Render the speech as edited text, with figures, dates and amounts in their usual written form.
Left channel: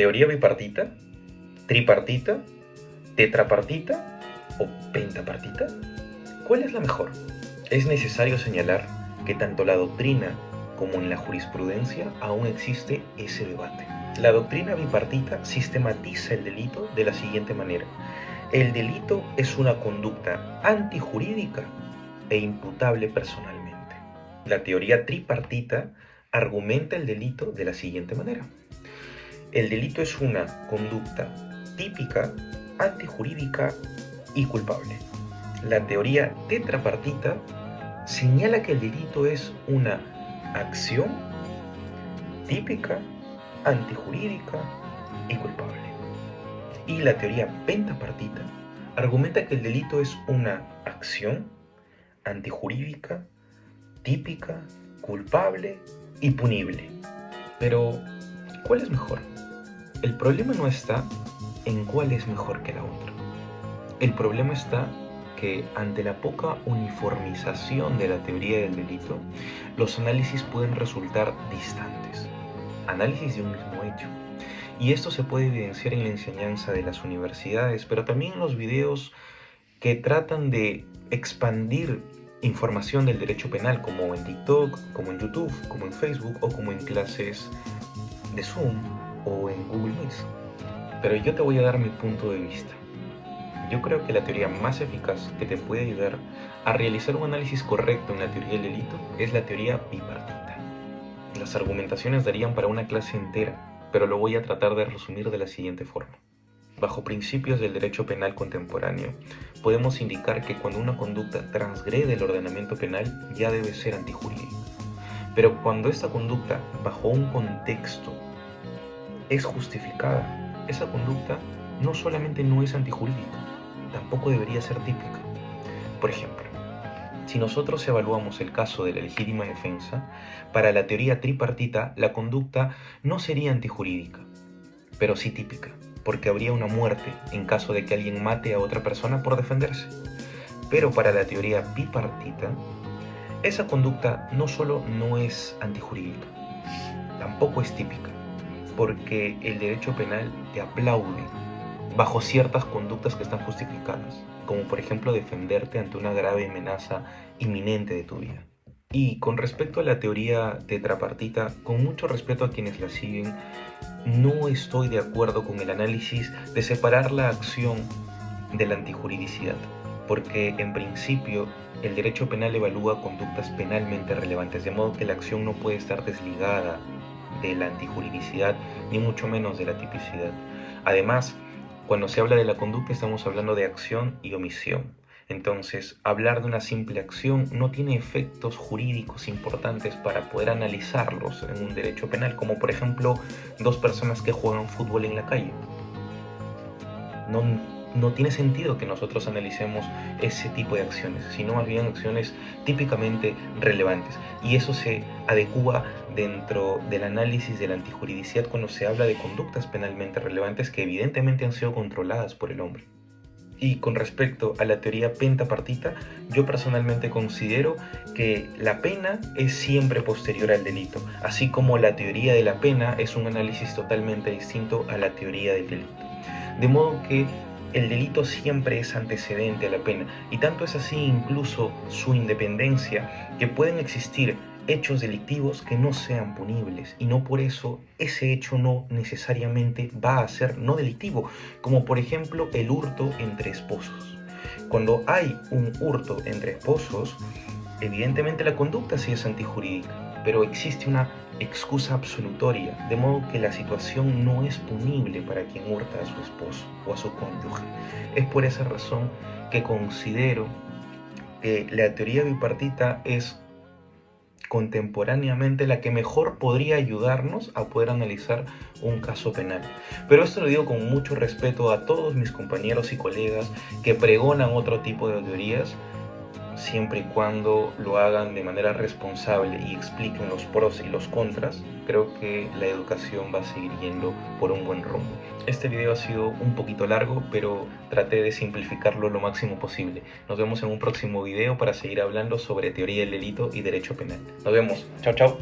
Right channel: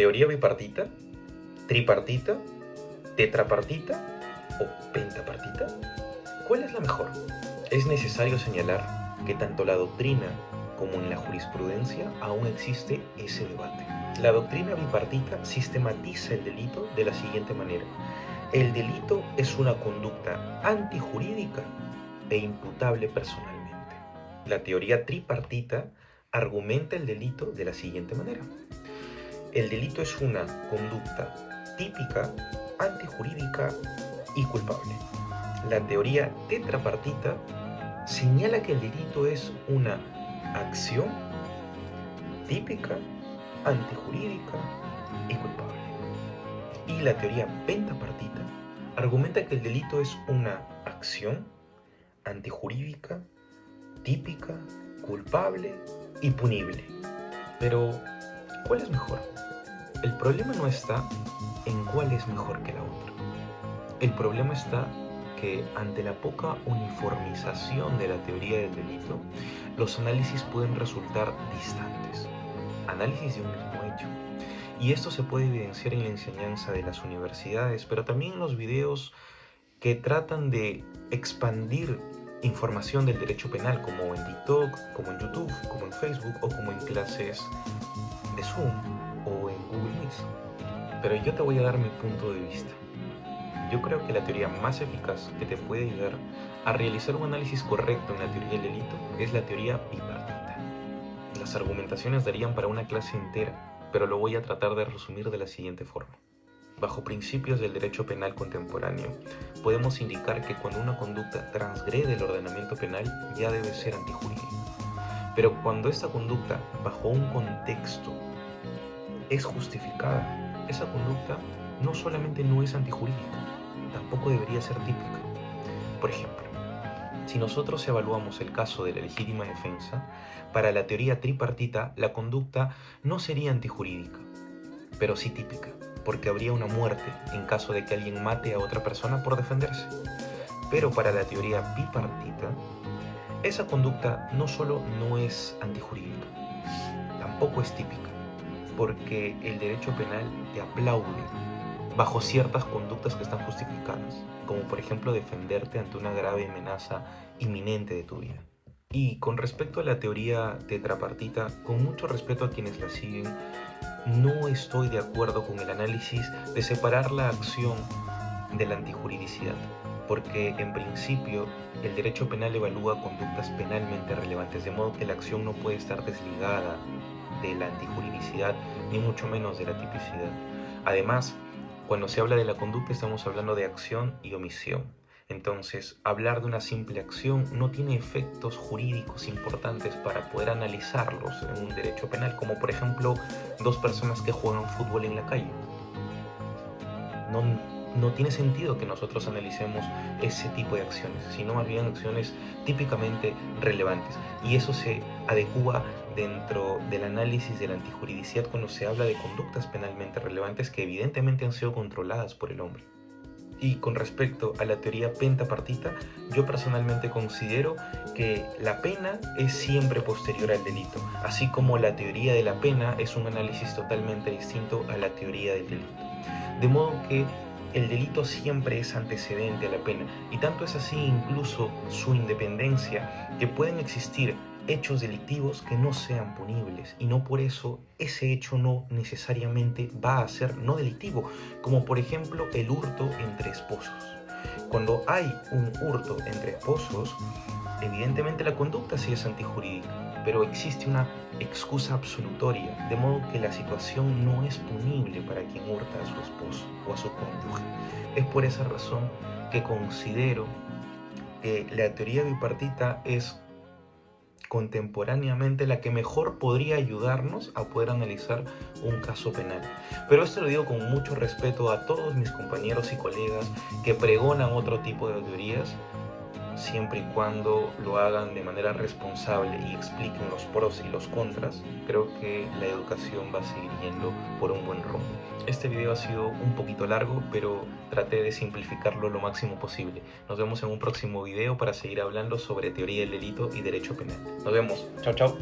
¿Teoría bipartita, tripartita, tetrapartita o pentapartita? ¿Cuál es la mejor? Es necesario señalar que tanto la doctrina como en la jurisprudencia aún existe ese debate. La doctrina bipartita sistematiza el delito de la siguiente manera. El delito es una conducta antijurídica e imputable personalmente. La teoría tripartita argumenta el delito de la siguiente manera. El delito es una conducta típica, antijurídica y culpable. La teoría tetrapartita señala que el delito es una acción típica, antijurídica y culpable. Y la teoría pentapartita argumenta que el delito es una acción antijurídica, típica, culpable y punible. Pero, ¿cuál es mejor? El problema no está en cuál es mejor que la otra. El problema está que ante la poca uniformización de la teoría del delito, los análisis pueden resultar distantes. Análisis de un mismo hecho. Y esto se puede evidenciar en la enseñanza de las universidades, pero también en los videos que tratan de expandir información del derecho penal, como en TikTok, como en YouTube, como en Facebook o como en clases de Zoom o en Google Meet. Pero yo te voy a dar mi punto de vista. Yo creo que la teoría más eficaz que te puede ayudar a realizar un análisis correcto en la teoría del delito es la teoría bipartita. Las argumentaciones darían para una clase entera, pero lo voy a tratar de resumir de la siguiente forma. Bajo principios del derecho penal contemporáneo, podemos indicar que cuando una conducta transgrede el ordenamiento penal ya debe ser antijurídica. Pero cuando esta conducta, bajo un contexto, es justificada, esa conducta no solamente no es antijurídica, tampoco debería ser típica. Por ejemplo, si nosotros evaluamos el caso de la legítima defensa, para la teoría tripartita la conducta no sería antijurídica, pero sí típica, porque habría una muerte en caso de que alguien mate a otra persona por defenderse. Pero para la teoría bipartita, esa conducta no solo no es antijurídica, tampoco es típica, porque el derecho penal te aplaude bajo ciertas conductas que están justificadas, como por ejemplo defenderte ante una grave amenaza inminente de tu vida. Y con respecto a la teoría tetrapartita, con mucho respeto a quienes la siguen, no estoy de acuerdo con el análisis de separar la acción de la antijuridicidad, porque en principio el derecho penal evalúa conductas penalmente relevantes, de modo que la acción no puede estar desligada de la antijuridicidad, ni mucho menos de la tipicidad. Además, cuando se habla de la conducta estamos hablando de acción y omisión. Entonces, hablar de una simple acción no tiene efectos jurídicos importantes para poder analizarlos en un derecho penal, como por ejemplo dos personas que juegan fútbol en la calle. No tiene sentido que nosotros analicemos ese tipo de acciones, sino más bien acciones típicamente relevantes. Y eso se adecúa dentro del análisis de la antijuridicidad cuando se habla de conductas penalmente relevantes que evidentemente han sido controladas por el hombre. Y con respecto a la teoría pentapartita, yo personalmente considero que la pena es siempre posterior al delito, así como la teoría de la pena es un análisis totalmente distinto a la teoría del delito. De modo que el delito siempre es antecedente a la pena, y tanto es así incluso su independencia, que pueden existir hechos delictivos que no sean punibles, y no por eso ese hecho no necesariamente va a ser no delictivo, como por ejemplo el hurto entre esposos. Cuando hay un hurto entre esposos, evidentemente la conducta sí es antijurídica, pero existe una excusa absolutoria, de modo que la situación no es punible para quien hurta a su esposo o a su cónyuge. Es por esa razón que considero que la teoría bipartita es contemporáneamente la que mejor podría ayudarnos a poder analizar un caso penal. Pero esto lo digo con mucho respeto a todos mis compañeros y colegas que pregonan otro tipo de teorías, siempre y cuando lo hagan de manera responsable y expliquen los pros y los contras. Creo que la educación va a seguir yendo por un buen rumbo. Este video ha sido un poquito largo, pero traté de simplificarlo lo máximo posible. Nos vemos en un próximo video para seguir hablando sobre teoría del delito y derecho penal. Nos vemos. Chao, chao.